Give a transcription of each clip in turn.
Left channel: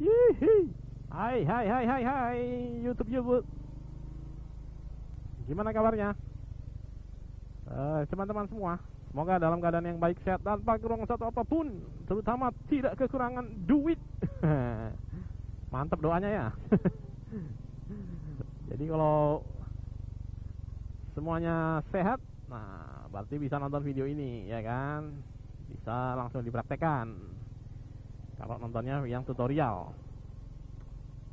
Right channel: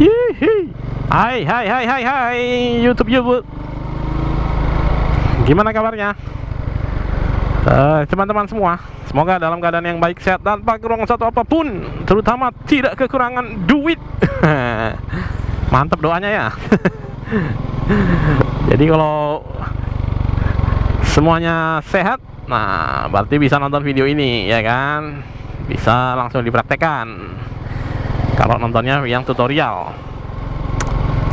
Hihi. Hai YouTube. Gimana kabarnya? Teman-teman semua, semoga dalam keadaan yang baik, sehat, dan tanpa kekurangan satu apapun, terutama tidak kekurangan duit. Mantap doanya ya. Jadi kalau semuanya sehat, nah berarti bisa nonton video ini ya kan, bisa langsung dipraktekkan kalau nontonnya yang tutorial.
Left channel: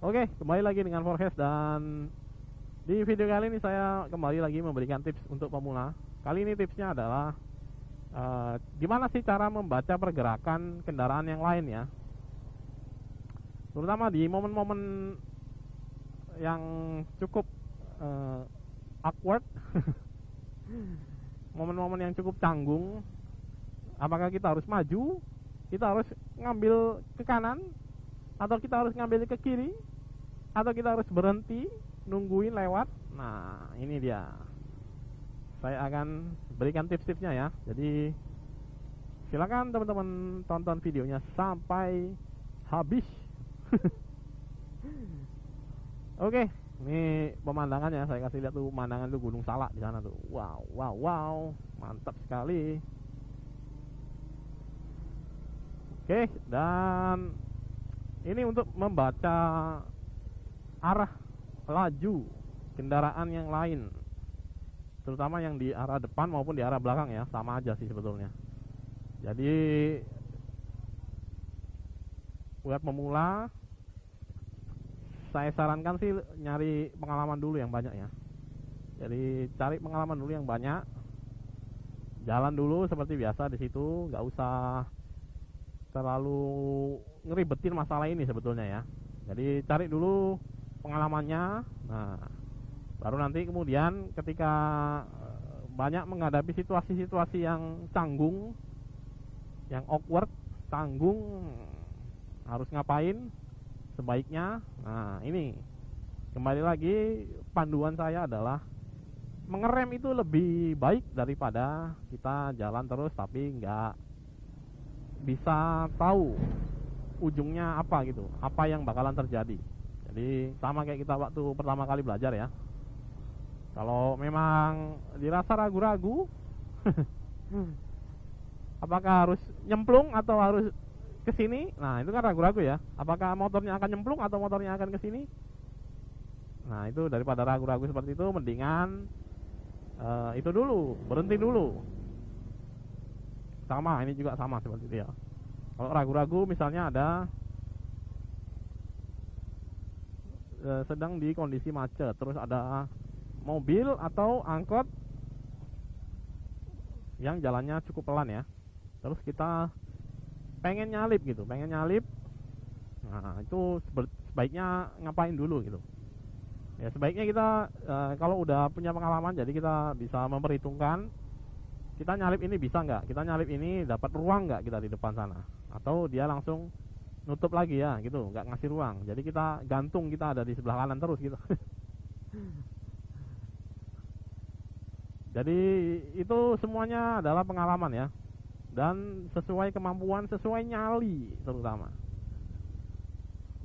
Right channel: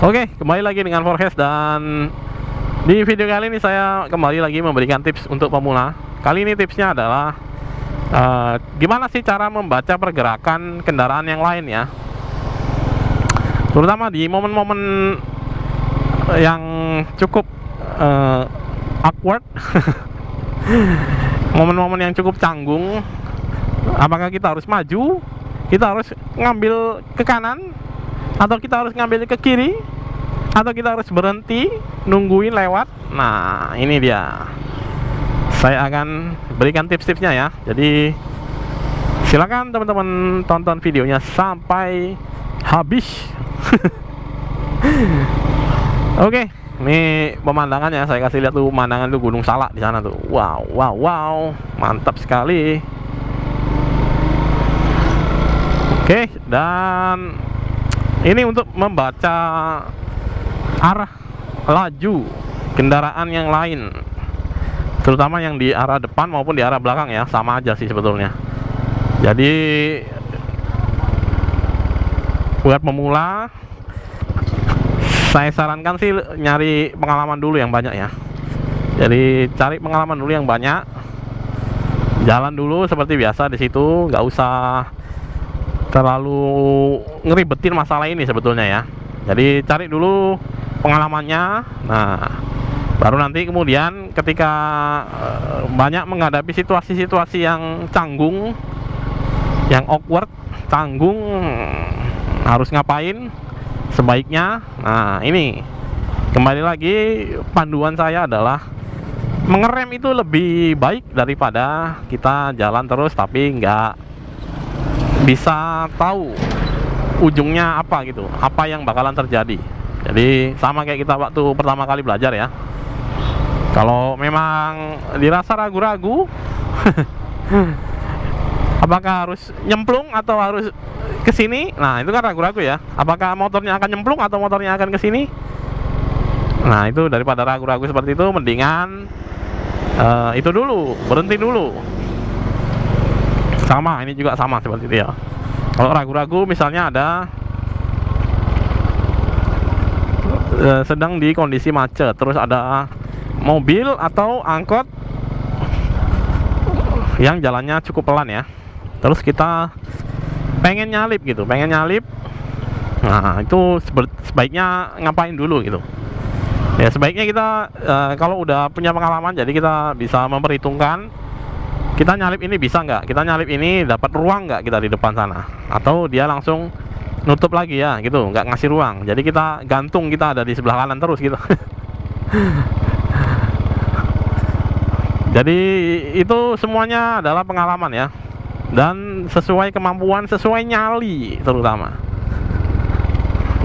Oke, kembali lagi dengan Forecast, dan di video kali ini saya kembali lagi memberikan tips untuk pemula. Kali ini tipsnya adalah gimana sih cara membaca pergerakan kendaraan yang lain ya, terutama di momen-momen yang cukup awkward. Momen-momen yang cukup canggung. Apakah kita harus maju, kita harus ngambil ke kanan, atau kita harus ngambil ke kiri, atau kita harus berhenti nungguin lewat. Nah ini dia, saya akan berikan tips-tipsnya ya. Jadi silakan teman-teman tonton videonya sampai habis. Oke, ini pemandangannya saya kasih lihat tuh, pemandangan tuh Gunung Salak di sana tuh. Wow, mantap sekali. Oke, dan ini untuk membaca arah laju kendaraan yang lain, terutama yang di arah depan maupun di arah belakang ya, sama aja sih sebetulnya. Jadi buat pemula, saya sarankan sih nyari pengalaman dulu yang banyak ya. Jadi cari pengalaman dulu yang banyak, jalan dulu seperti biasa di situ, nggak usah terlalu ngeribetin masalah ini sebetulnya ya. Jadi cari dulu pengalamannya. Nah baru nanti kemudian ketika banyak menghadapi situasi-situasi yang canggung, yang awkward, canggung, harus ngapain sebaiknya. Nah ini kembali lagi, panduan saya adalah mengerem itu lebih baik daripada kita jalan terus tapi nggak bisa tahu ujungnya apa gitu, apa yang bakalan terjadi. Jadi sama kayak kita waktu pertama kali belajar ya, kalau memang dirasa ragu-ragu apakah harus nyemplung atau harus ke sini, nah itu kan ragu-ragu ya, apakah motornya akan nyemplung atau motornya akan ke sini. Nah itu daripada ragu-ragu seperti itu, mendingan itu dulu, berhenti dulu. Sama, ini juga sama seperti itu ya. Kalau ragu-ragu misalnya ada sedang di kondisi macet, terus ada mobil atau angkot yang jalannya cukup pelan ya, terus kita pengen nyalip gitu, nah itu sebaiknya ngapain dulu gitu ya. Sebaiknya kita kalau udah punya pengalaman, jadi kita bisa memperhitungkan, kita nyalip ini bisa nggak, kita nyalip ini dapat ruang nggak kita di depan sana, atau dia langsung nutup lagi ya gitu, nggak ngasih ruang, jadi kita gantung, kita ada di sebelah kanan terus gitu. Jadi itu semuanya adalah pengalaman ya, dan sesuai kemampuan, sesuai nyali terutama.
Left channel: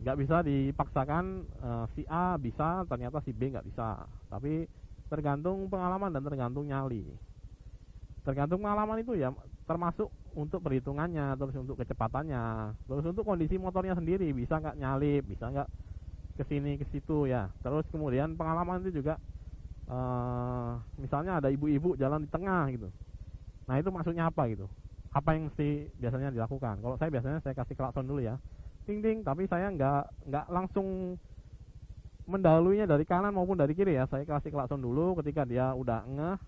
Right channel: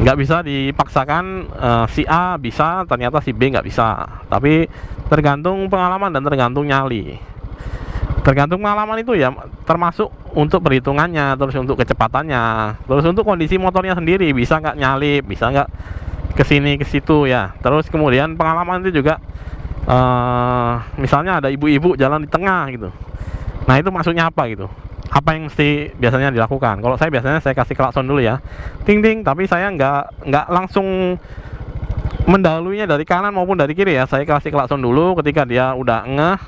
Nggak bisa dipaksakan si A bisa ternyata si B nggak bisa, tapi tergantung pengalaman dan tergantung nyali. Tergantung pengalaman itu ya, termasuk untuk perhitungannya, terus untuk kecepatannya, terus untuk kondisi motornya sendiri, bisa nggak nyalip, bisa nggak kesini ke situ ya. Terus kemudian pengalaman itu juga misalnya ada ibu-ibu jalan di tengah gitu, nah itu maksudnya apa gitu, apa yang mesti biasanya dilakukan. Kalau saya biasanya saya kasih klakson dulu ya, ting ting, tapi saya nggak langsung mendahulunya dari kanan maupun dari kiri ya. Saya kasih klakson dulu ketika dia udah ngeh,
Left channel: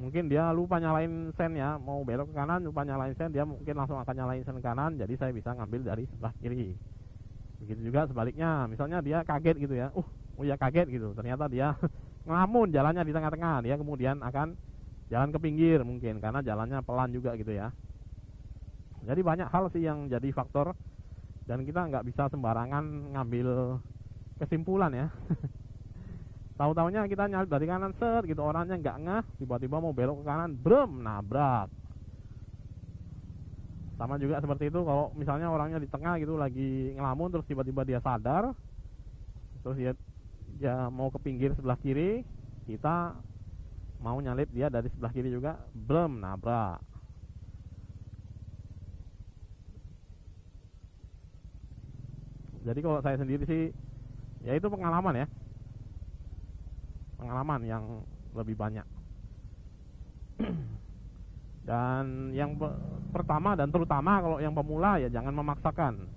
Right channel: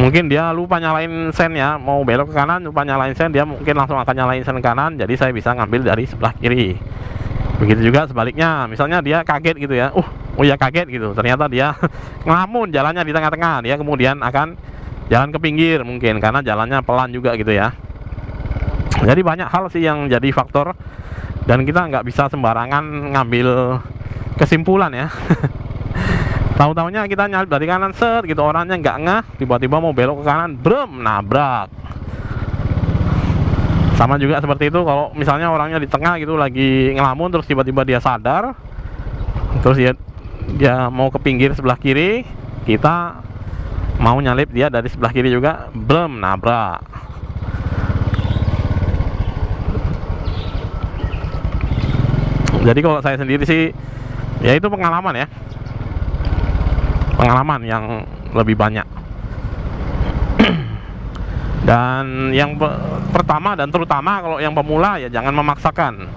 mungkin dia lupa nyalain sen ya, mau belok ke kanan lupa nyalain sen, dia mungkin langsung akan nyalain sen kanan, jadi saya bisa ngambil dari sebelah kiri. Begitu juga sebaliknya, misalnya dia kaget gitu ya, oh ya kaget gitu, ternyata dia ngelamun jalannya di tengah-tengah, dia kemudian akan jalan ke pinggir mungkin karena jalannya pelan juga gitu ya. Jadi banyak hal sih yang jadi faktor, dan kita nggak bisa sembarangan ngambil kesimpulan ya. Tahu-taunya kita nyalip dari kanan set gitu, orangnya nggak ngeh, tiba-tiba mau belok ke kanan, brem, nabrak. Sama juga seperti itu kalau misalnya orangnya di tengah gitu lagi ngelamun, terus tiba-tiba dia sadar, terus dia mau ke pinggir sebelah kiri, kita mau nyalip dia dari sebelah kiri juga, belum nabrak. Jadi kalau saya sendiri sih, ya itu pengalaman ya, pengalaman yang lebih banyak. Dan yang pertama dan terutama kalau yang pemula ya jangan memaksakan.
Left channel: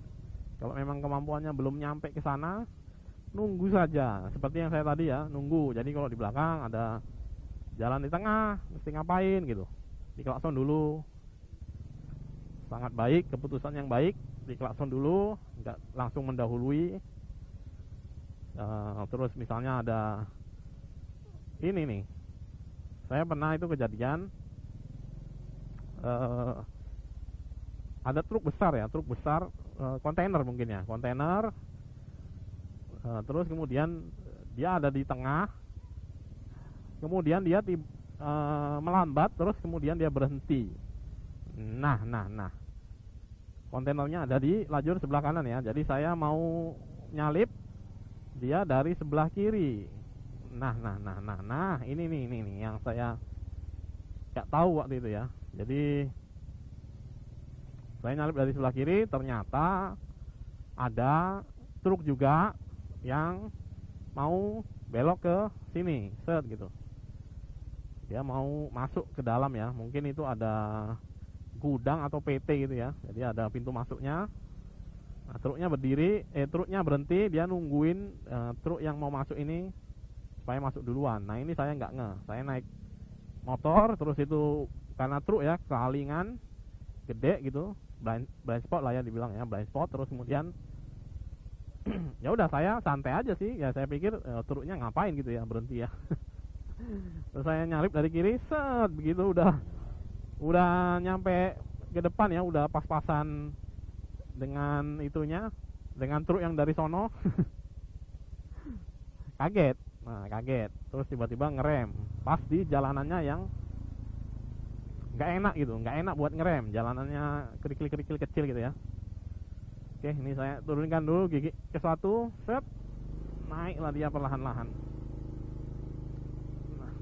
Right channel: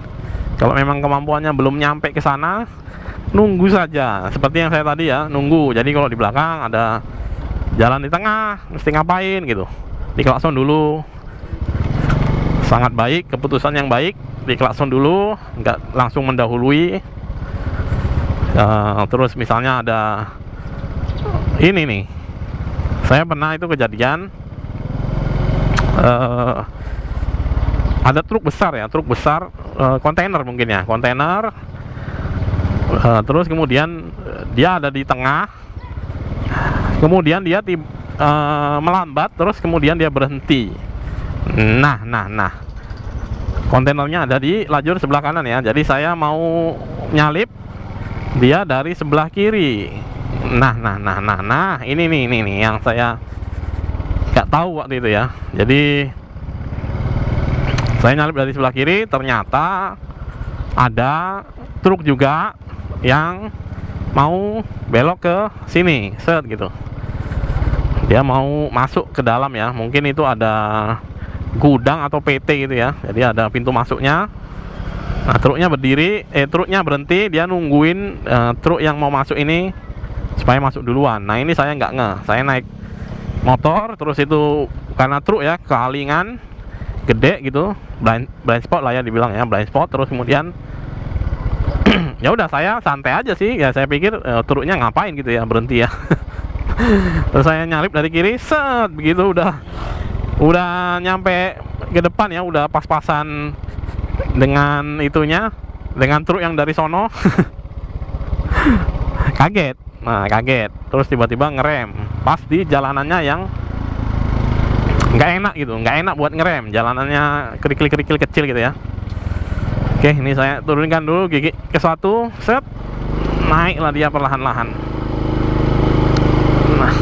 Kalau memang kemampuannya belum nyampe ke sana, nunggu saja. Seperti yang saya tadi ya, nunggu. Jadi kalau di belakang ada jalan di tengah, mesti ngapain gitu? Diklakson dulu. Sangat baik, keputusan yang baik. Diklakson dulu, nggak langsung mendahului. Terus misalnya ada ini nih, saya pernah itu kejadian. Ada truk besar ya, truk besar, kontainer mungkin ya, kontainer. Terus kemudian dia ada di tengah, kemudian dia melambat, terus kemudian dia berhenti. Nah, kontainernya ada di lajur sebelah kanan ya. Jadi saya mau nyalip dia dari sebelah kiri. Nah, ini nih yang saya nggak tahu waktu itu ya. Jadi saya nyalip dari sebelah kiri, ternyata ada truk juga yang mau belok ke sini, set gitu. Dia mau masuk ke dalam ya, mungkin itu ada gudang atau PT gitu ya. Jadi ada pintu masuknya. Nah, truknya berhenti, dia nungguin truk yang mau masuk ini supaya masuk duluan. Nah, ini saya nggak ngeh, saya naik motor, terus itu karena truk ya, kealingan gede gitu, blind spot lah ya dibilang ya, blind spot. Terus kemudian ya udah saya santai aja sih ya, saya pikir truknya ngapain gitu ya berhenti ya. Terus saya nyalip dari kiri, set begitu udah nyampe ke depan ya, udah pas-pasan dengan itunya, dengan truk yang dari sono. Kaget. Nah, kaget. Terus tiba-tiba ngerem pas di jalanannya yang nggak enak gitu, nggak enak buat ngerem, jalanannya kerikil kecil gitu ya. Oke, ini saya turunkan dulu gigi ke satu, set, naiklah dia perlahan-lahan. Nah,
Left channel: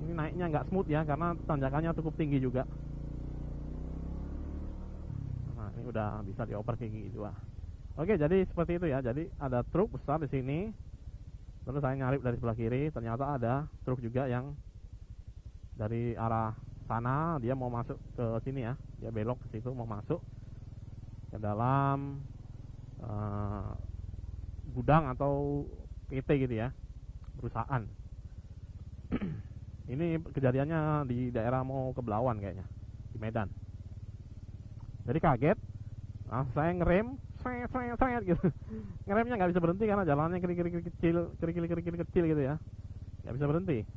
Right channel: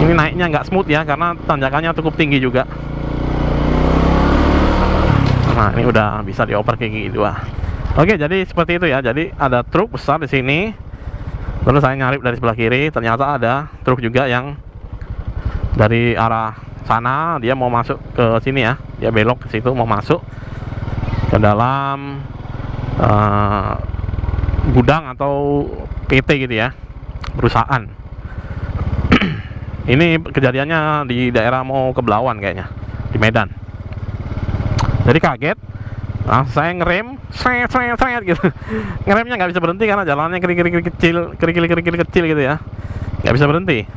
ini naiknya nggak smooth ya, karena tanjakannya cukup tinggi juga. Nah, ini udah bisa dioper ke gigi dua. Oke, jadi seperti itu ya. Jadi ada truk besar di sini. Terus saya nyalip dari sebelah kiri, ternyata ada truk juga yang dari arah sana, dia mau masuk ke sini ya. Dia belok ke situ, mau masuk ke dalam gudang atau PT gitu ya, perusahaan. Ini kejadiannya di daerah mau ke Belawan kayaknya, di Medan. Jadi kaget. Nah, saya ngerem, seret gitu. Ngeremnya nggak bisa berhenti karena jalannya kerikil kecil gitu ya. Nggak bisa berhenti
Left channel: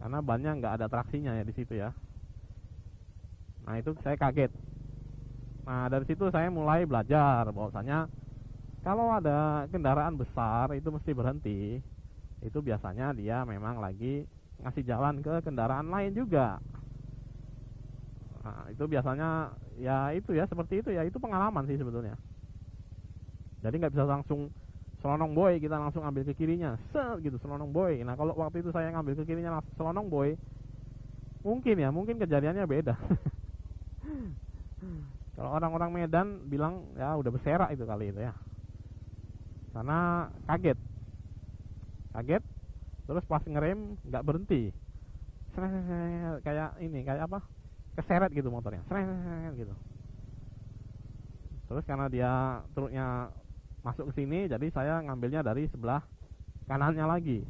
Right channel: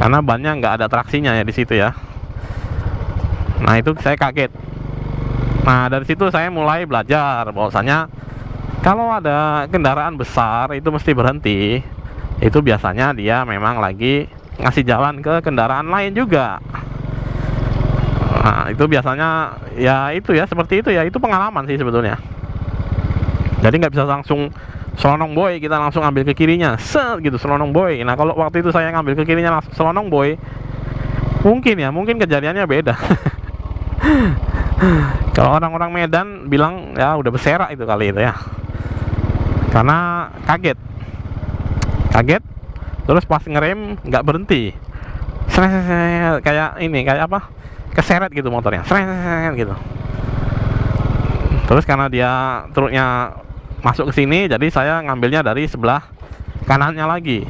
karena bannya nggak ada traksinya ya di situ ya. Nah, itu saya kaget. Nah, dari situ saya mulai belajar bahwasanya kalau ada kendaraan besar itu mesti berhenti. Itu biasanya dia memang lagi ngasih jalan ke kendaraan lain juga. Nah, itu biasanya ya itu ya, seperti itu ya. Itu pengalaman sih sebetulnya. Jadi nggak bisa langsung selonong boy, kita langsung ambil ke kirinya, set gitu, selonong boy. Nah, kalau waktu itu saya ngambil ke kirinya langsung selonong boy, mungkin kejadiannya beda. Kalau orang-orang Medan bilang ya udah berserak itu kali itu ya, karena kaget, terus pas ngerem nggak berhenti, kayak ini, kayak apa, keseret gitu motornya, gitu. Terus karena dia truknya masuk ke sini, jadi saya ngambilnya dari sebelah kanannya lagi.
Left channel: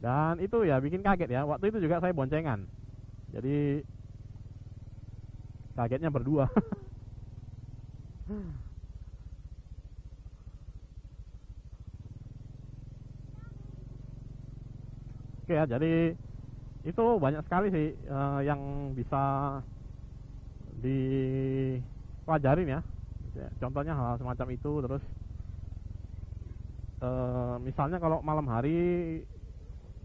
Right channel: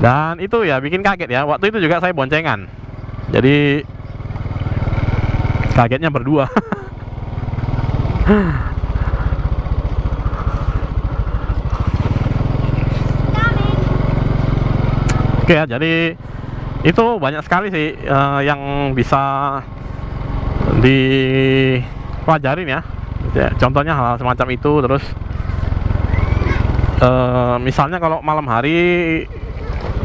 Dan itu ya bikin kaget ya. Waktu itu juga saya boncengan, jadi kagetnya berdua. Oke ya, jadi itu banyak sekali sih yang bisa dipelajarin ya. Contohnya hal semacam itu. Terus misalnya kalau malam hari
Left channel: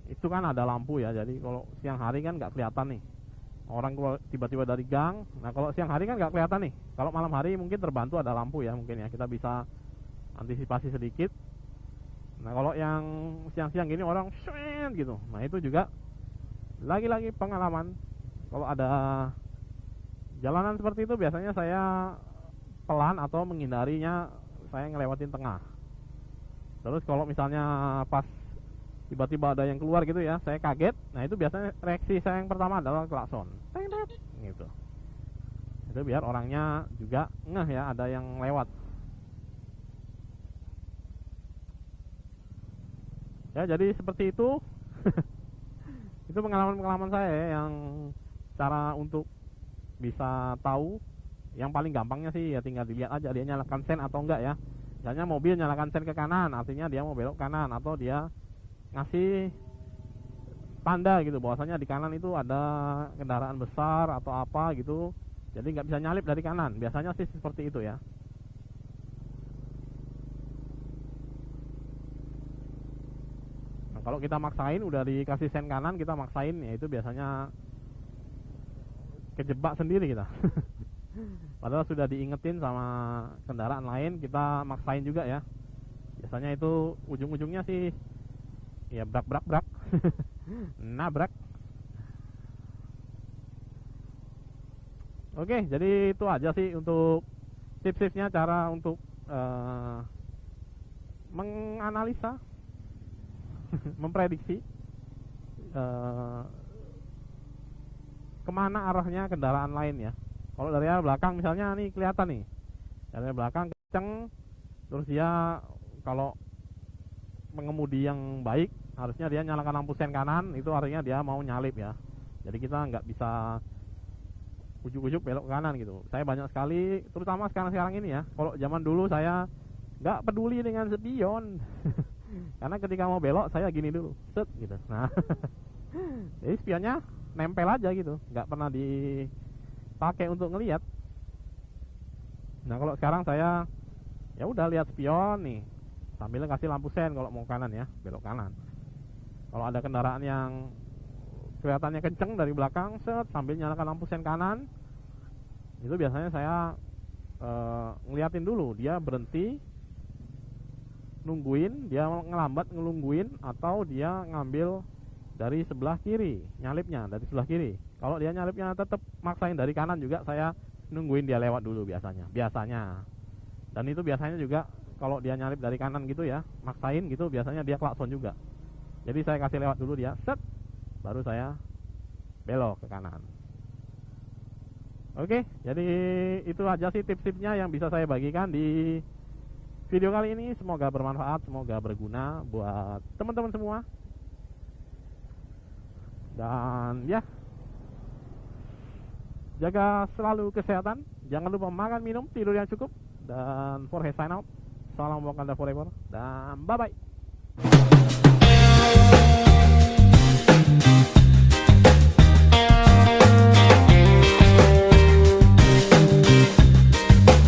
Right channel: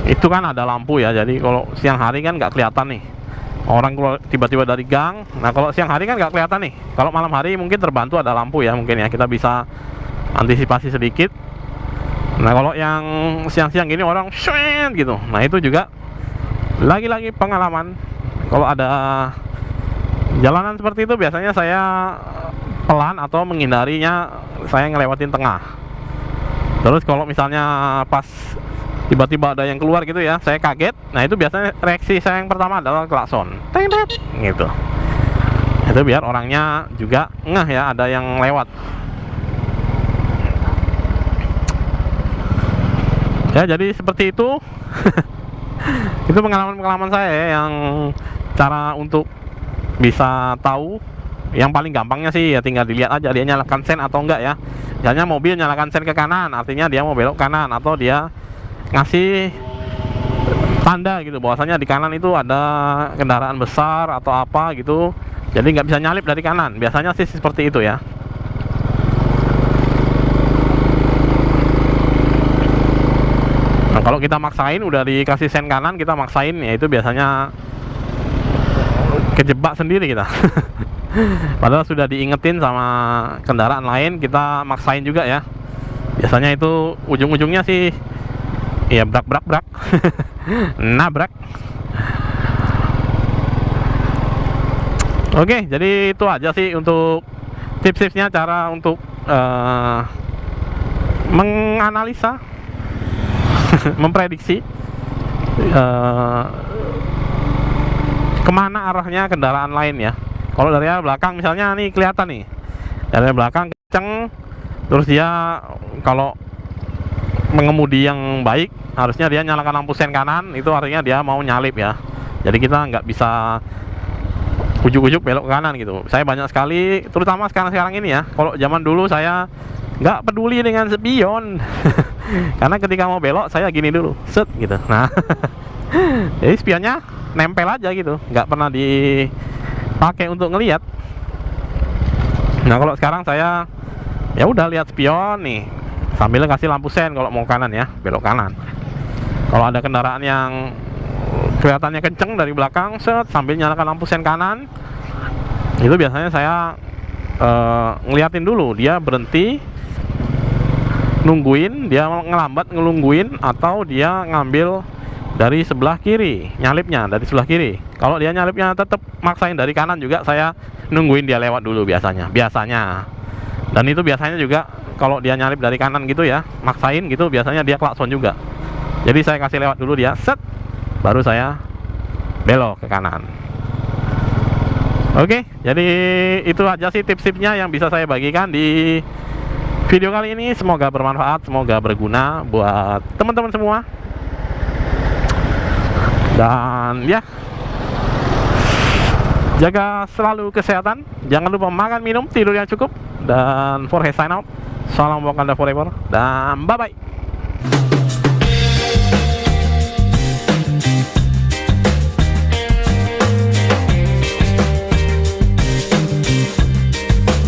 itu kan ada lampu ya, jadi kalau siang hari kan nggak kelihatan nih orang keluar tiba-tiba dari gang. Nah kalau siang hari kan nggak kelihatan nih. Kalau malam hari mungkin terbantu ada lampu ya, mungkin ya kita bisa antisipasi sedikit. Nah kalau yang siang-siang gini orang shwet gitu, nah itu juga lagi-lagi pengalaman. Kalau ada jalanan seperti itu biasanya saya pelan atau menghindarinya, saya ngelewatin tengah. Terus kalau misalnya pas tiba-tiba ada yang keluar gitu ya, saya kaget. Nah itu biasanya reaksi saya yang pertama adalah klakson, teng teng gitu. Itu biar orangnya juga ngeh ya ada yang lewat. Ya jadi seperti itu. Itu pengalaman-pengalaman saya ya, yang cara untuk bisa tahu. Yang paling gampangnya sih ya tinggal dilihat aja dia nyalakan sen atau enggak ya. Misalnya mobil nyalakan sen ke kanan, artinya dia mau belok kanan, atau dia ngasih tanda gitu bahwasanya di kanan itu ada kendaraan besar atau apa gitu, jadi nggak bisa nyalip dari kanan. Biasanya sih seperti itu ya. Nah kalau kita maksain udah dikasih sen kanan, kita maksain ya itu biasanya kejebak sendiri kita. Padahal sudah diingetin sama kendaraan lain, kita maksain juga ya. Biasanya itu ujung-ujungnya sih ya brak nabrak. Oke, jadi itu aja sih untuk tips-tipsnya cara untuk menganalisa, memprediksi kemana arahnya kendaraan lain ya. Kalau dari arah belakang misalnya nih kelihatan nih dari belakang kenceng, terus dia kalau mengemudi yang baik harusnya dia nyalakan lampu sen kanan, itu artinya dia mau nyalip ya. Jadi kita nggak bisa ujuk-ujuk belok ke kanan gitu. Saya banyak sekali, terutama sekarang ini ya. Kalau zaman dulu saya nggak peduli dengan spion. Karena ketika mau belok saya gini dulu, set gitu. Nah, jadi spionnya nempel aja gitu, nggak pernah dipakai untuk ngelihat. Nah kalau sekarang saya ya udah lihat spion nih, sambil kasih lampu sen kalau mau kanan ya, belok kanan. Kalau ada kendaraan yang kelihatannya kenceng dari belakang, set sambil nyalakan lampu sen kanan, itu biasanya saya ngeliatin dulu dia berhenti, nungguin dia ngelambat, ngelungguin, atau dia ngambil dari sebelah kiri, nyalipnya dari sebelah kiri. Kalau dia nyalipnya tetap maksain dari kanan juga, saya nungguin dia lewat dulu biasanya. Dan itu biasanya juga kalau dia nyalip dari kanan gitu ya, maksain gitu, biasanya dia klakson juga. Jadi saya kasih lewat dulu dia, set, baru saya belok ke kanan. Oke, jadi itu aja sih tips-tipsnya yang bisa saya bagikan di video kali ini. Semoga bermanfaat, semoga berguna buat teman-teman semua. Dan ya, jaga selalu kesehatan, jangan lupa makan, minum, tidur yang cukup. Dan Forhe sign out. Salam Wakanda forever, dan bye bye.